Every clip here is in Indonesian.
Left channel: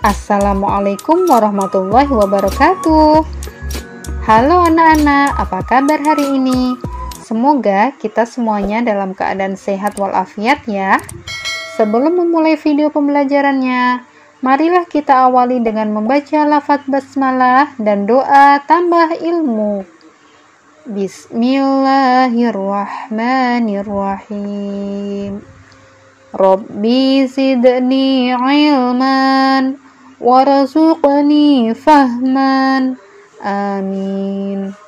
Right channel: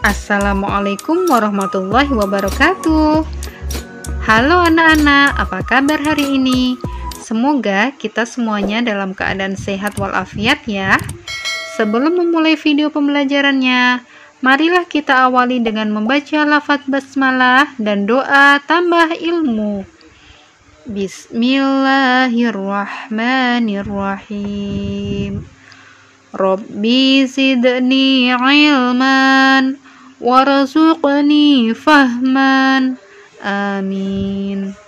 Assalamualaikum warahmatullahi wabarakatuh. Halo anak-anak, apa kabar hari ini? Semoga kita semuanya dalam keadaan sehat walafiat ya. Sebelum memulai video pembelajarannya, marilah kita awali dengan membaca lafaz basmalah dan doa tambah ilmu. Bismillahirrahmanirrahim. Rabbi zidni ilman warzuqni fahman. Amin.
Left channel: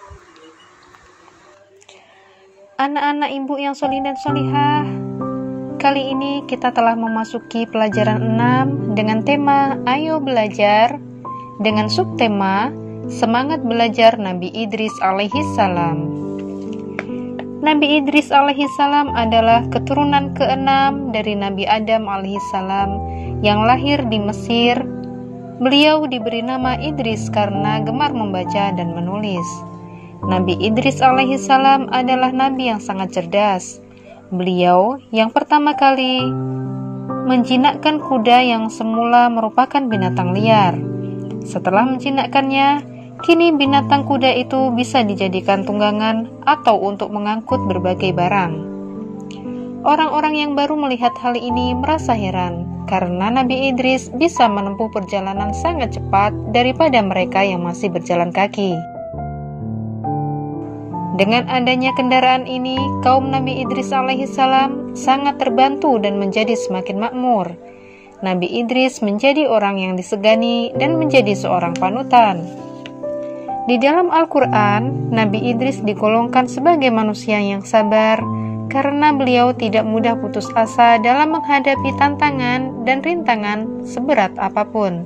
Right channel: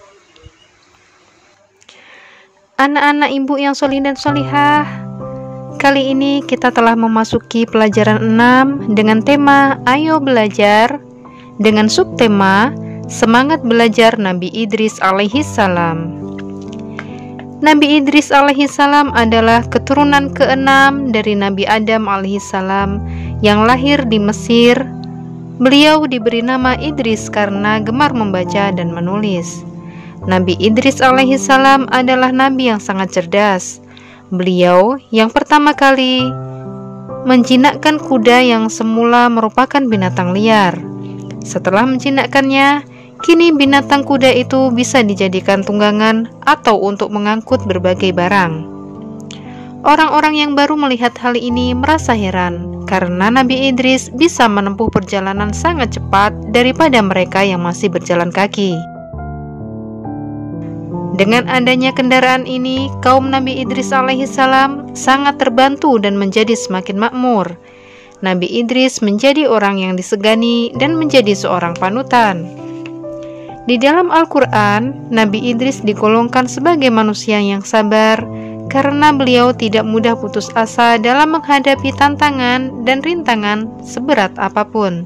Anak-anak ibu yang solih dan solihah, kali ini kita telah memasuki pelajaran 6 dengan tema Ayo Belajar, dengan subtema Semangat Belajar Nabi Idris alaihi salam. Nabi Idris alaihi salam adalah keturunan ke-6 dari Nabi Adam alaihi salam yang lahir di Mesir. Beliau diberi nama Idris karena gemar membaca dan menulis. Nabi Idris alaihi salam adalah nabi yang sangat cerdas. Beliau yang pertama kali menjinakkan kuda yang semula merupakan binatang liar. Setelah menjinakkannya, kini binatang kuda itu bisa dijadikan tunggangan atau untuk mengangkut berbagai barang. Orang-orang yang baru melihat hal ini merasa heran, karena Nabi Idris bisa menempuh perjalanan sangat cepat daripada mereka yang masih berjalan kaki. Dengan adanya kendaraan ini, kaum Nabi Idris alaihi salam sangat terbantu dan menjadi semakin makmur. Nabi Idris menjadi orang yang disegani dan menjadi seorang panutan. Di dalam Al-Quran, Nabi Idris digolongkan sebagai manusia yang sabar karena beliau tidak mudah putus asa dalam menghadapi tantangan dan rintangan seberat apapun.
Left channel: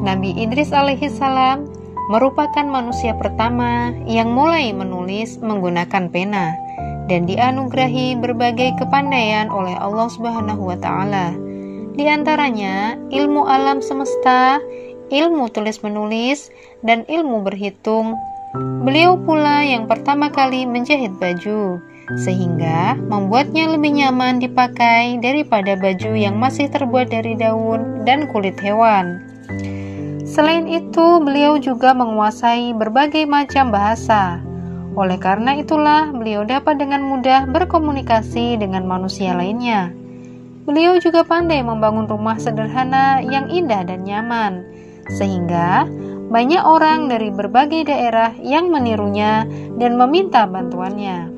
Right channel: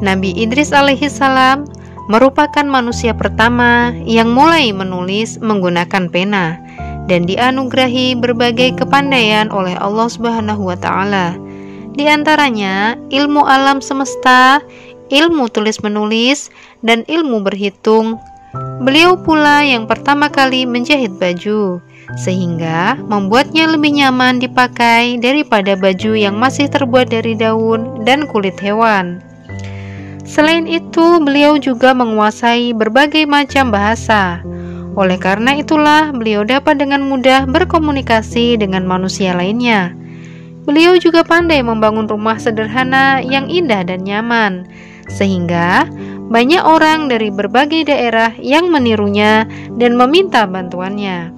Nabi Idris alaihi salam merupakan manusia pertama yang mulai menulis menggunakan pena dan dianugerahi berbagai kepandaian oleh Allah Subhanahu wa taala. Di antaranya ilmu alam semesta, ilmu tulis-menulis, dan ilmu berhitung. Beliau pula yang pertama kali menjahit baju, sehingga membuatnya lebih nyaman dipakai daripada baju yang masih terbuat dari daun dan kulit hewan. Selain itu, beliau juga menguasai berbagai macam bahasa. Oleh karena itulah, beliau dapat dengan mudah berkomunikasi dengan manusia lainnya. Beliau juga pandai membangun rumah sederhana yang indah dan nyaman, sehingga banyak orang dari berbagai daerah yang menirunya dan meminta bantuannya.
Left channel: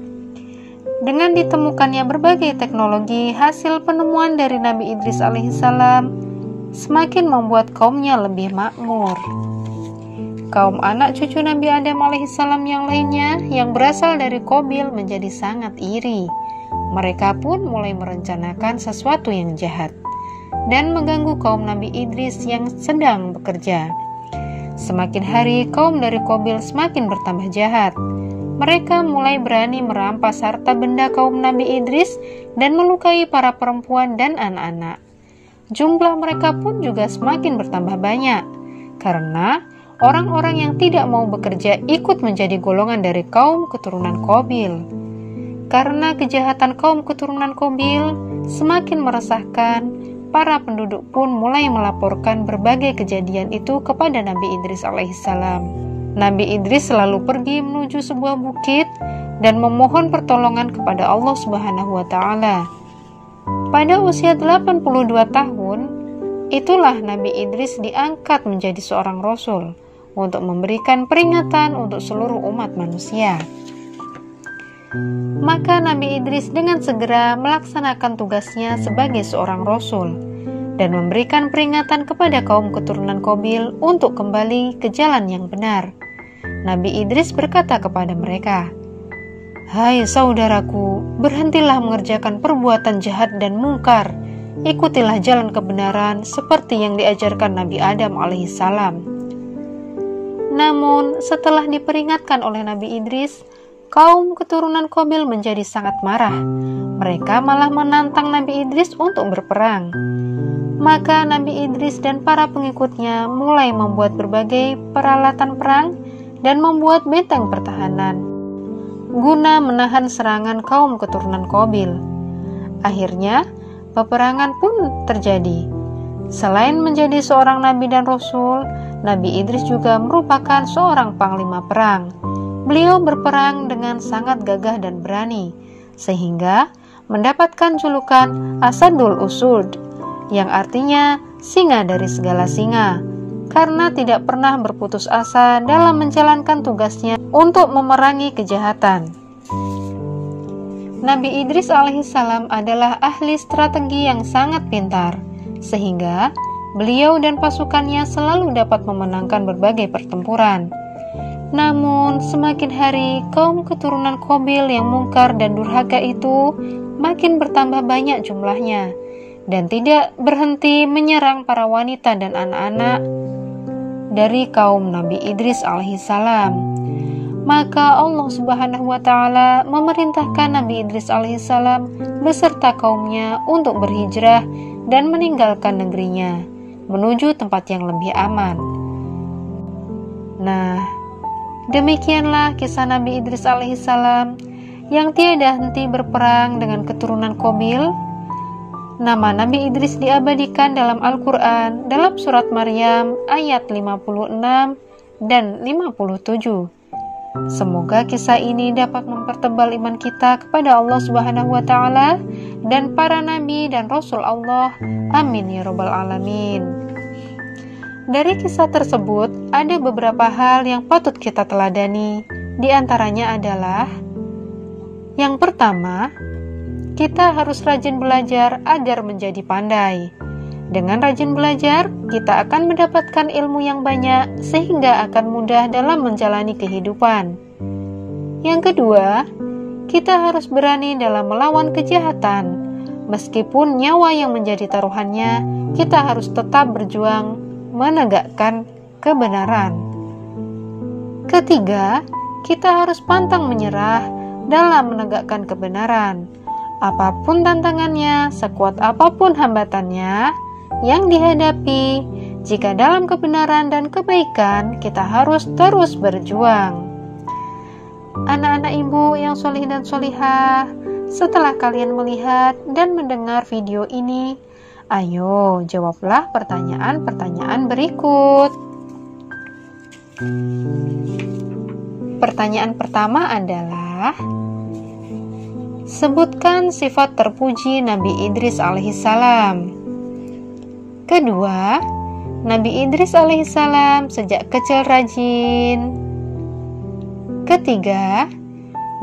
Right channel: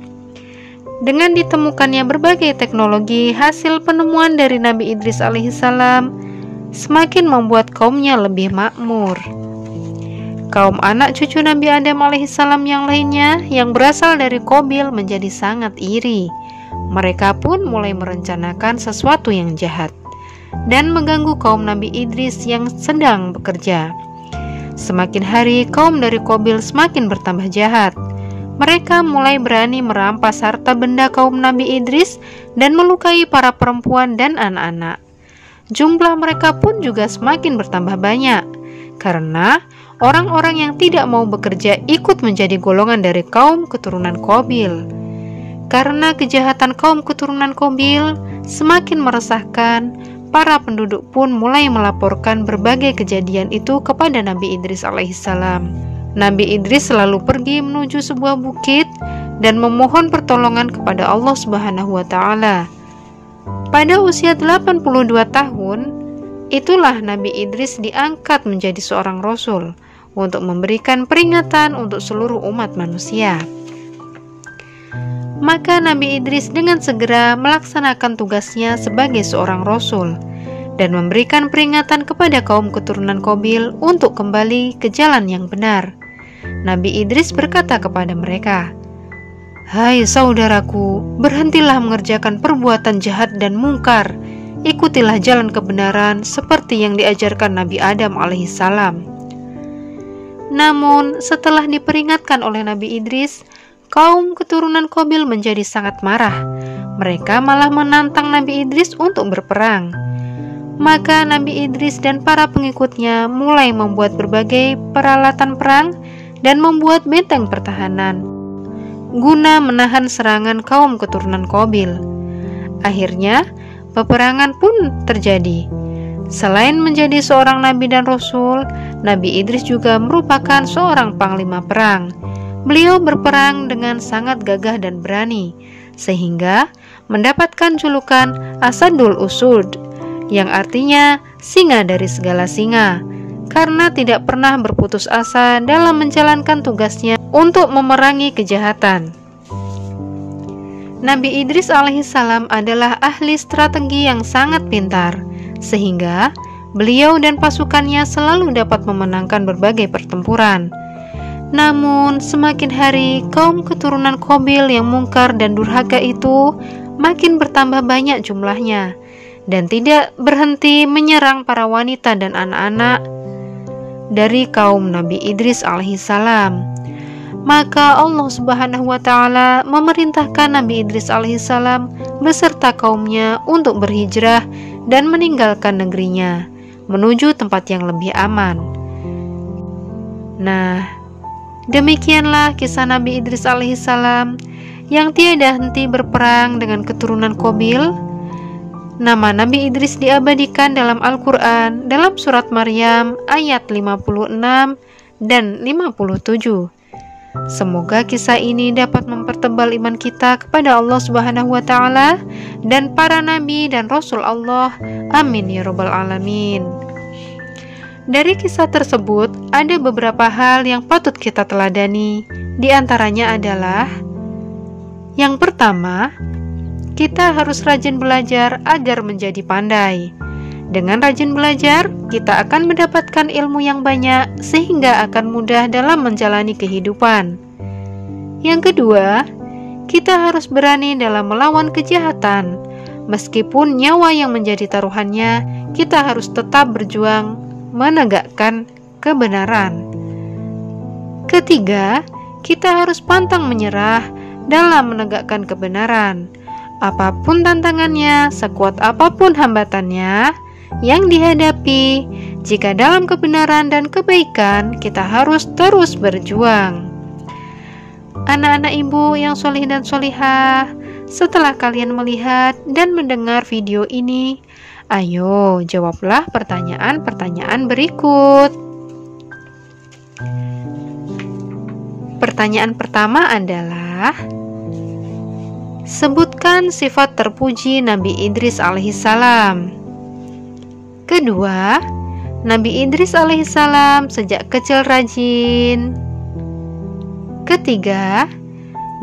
Dengan ditemukannya berbagai teknologi hasil penemuan dari Nabi Idris alaihissalam, semakin membuat kaumnya lebih makmur. Kaum anak cucu Nabi Adam alaihissalam yang lainnya yang berasal dari Qabil menjadi sangat iri. Mereka pun mulai merencanakan sesuatu yang jahat dan mengganggu kaum Nabi Idris yang sedang bekerja. Semakin hari kaum dari Qabil semakin bertambah jahat. Mereka mulai berani merampas harta benda kaum Nabi Idris dan melukai para perempuan dan anak-anak. Jumlah mereka pun juga semakin bertambah banyak, karena orang-orang yang tidak mau bekerja ikut menjadi golongan dari kaum keturunan Qabil. Karena kejahatan kaum keturunan Qabil semakin meresahkan, para penduduk pun mulai melaporkan berbagai kejadian itu kepada Nabi Idris alaihissalam. Nabi Idris selalu pergi menuju sebuah bukit dan memohon pertolongan kepada Allah Subhanahu wa taala. Pada usia 82 tahun, itulah Nabi Idris diangkat menjadi seorang rasul untuk memberikan peringatan untuk seluruh umat manusia. Maka Nabi Idris dengan segera melaksanakan tugasnya sebagai seorang rasul dan memberikan peringatan kepada kaum keturunan Qabil untuk kembali ke jalan yang benar. Nabi Idris berkata kepada mereka, "Hai saudaraku, berhentilah mengerjakan perbuatan jahat dan mungkar. Ikutilah jalan kebenaran seperti yang diajarkan Nabi Adam alaihissalam." Namun setelah diperingatkan oleh Nabi Idris, kaum keturunan Qabil menjadi sangat marah. Mereka malah menantang Nabi Idris untuk berperang. Maka Nabi Idris dan para pengikutnya mulai membuat berbagai peralatan perang dan membuat benteng pertahanan guna menahan serangan kaum keturunan Qabil. Akhirnya, peperangan pun terjadi. Selain menjadi seorang nabi dan rasul, Nabi Idris juga merupakan seorang panglima perang. Beliau berperang dengan sangat gagah dan berani, sehingga mendapatkan julukan Asadul Usud, yang artinya singa dari segala singa, karena tidak pernah berputus asa dalam menjalankan tugasnya untuk memerangi kejahatan. Nabi Idris alaihissalam adalah ahli strategi yang sangat pintar, sehingga beliau dan pasukannya selalu dapat memenangkan berbagai pertempuran. Namun, semakin hari kaum keturunan Qabil yang mungkar dan durhaka itu makin bertambah banyak jumlahnya, dan tidak berhenti menyerang para wanita dan anak-anak dari kaum Nabi Idris alaihissalam. Maka Allah Subhanahu wa Ta'ala memerintahkan Nabi Idris alaihissalam beserta kaumnya untuk berhijrah dan meninggalkan negerinya menuju tempat yang lebih aman. Nah, demikianlah kisah Nabi Idris alaihissalam yang tiada henti berperang dengan keturunan Qabil. Nama Nabi Idris diabadikan dalam Al-Quran dalam surat Maryam ayat 56 dan 57. Semoga kisah ini dapat mempertebal iman kita kepada Allah Subhanahu wa Ta'ala dan para nabi dan rasul Allah. Amin ya rabbal alamin. Dari kisah tersebut ada beberapa hal yang patut kita teladani. Di antaranya adalah: yang pertama, kita harus rajin belajar agar menjadi pandai. Dengan rajin belajar, kita akan mendapatkan ilmu yang banyak sehingga akan mudah dalam menjalani kehidupan. Yang kedua, kita harus berani dalam melawan kejahatan. Meskipun nyawa yang menjadi taruhannya, kita harus tetap berjuang menegakkan kebenaran. Ketiga, kita harus pantang menyerah dalam menegakkan kebenaran. Apapun tantangannya, sekuat apapun hambatannya yang dihadapi, jika dalam kebenaran dan kebaikan, kita harus terus berjuang. Anak-anak ibu yang solih dan solihah, setelah kalian melihat dan mendengar video ini, ayo jawablah pertanyaan-pertanyaan berikut. Pertanyaan pertama adalah: sebutkan sifat terpuji Nabi Idris alaihissalam. Kedua, Nabi Idris alaihissalam sejak kecil rajin. Ketiga,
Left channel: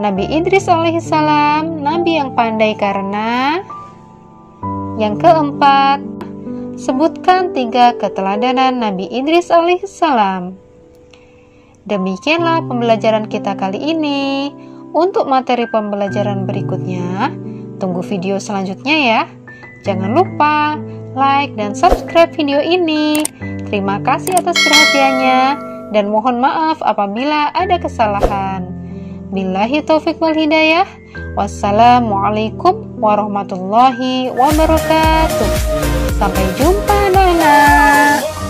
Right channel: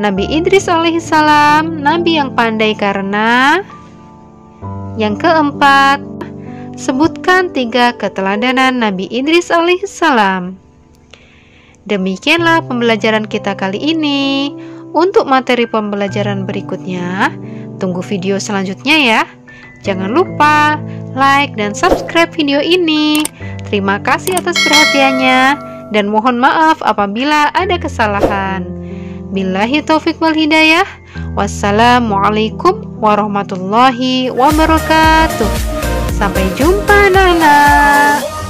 Nabi Idris alaihissalam nabi yang pandai karena. Yang keempat, sebutkan 3 keteladanan Nabi Idris alaihissalam. Demikianlah pembelajaran kita kali ini. Untuk materi pembelajaran berikutnya, tunggu video selanjutnya ya. Jangan lupa like dan subscribe video ini. Terima kasih atas perhatiannya dan mohon maaf apabila ada kesalahan. Billahi taufiq wal hidayah. Wassalamualaikum warahmatullahi wabarakatuh. Sampai jumpa anak-anak.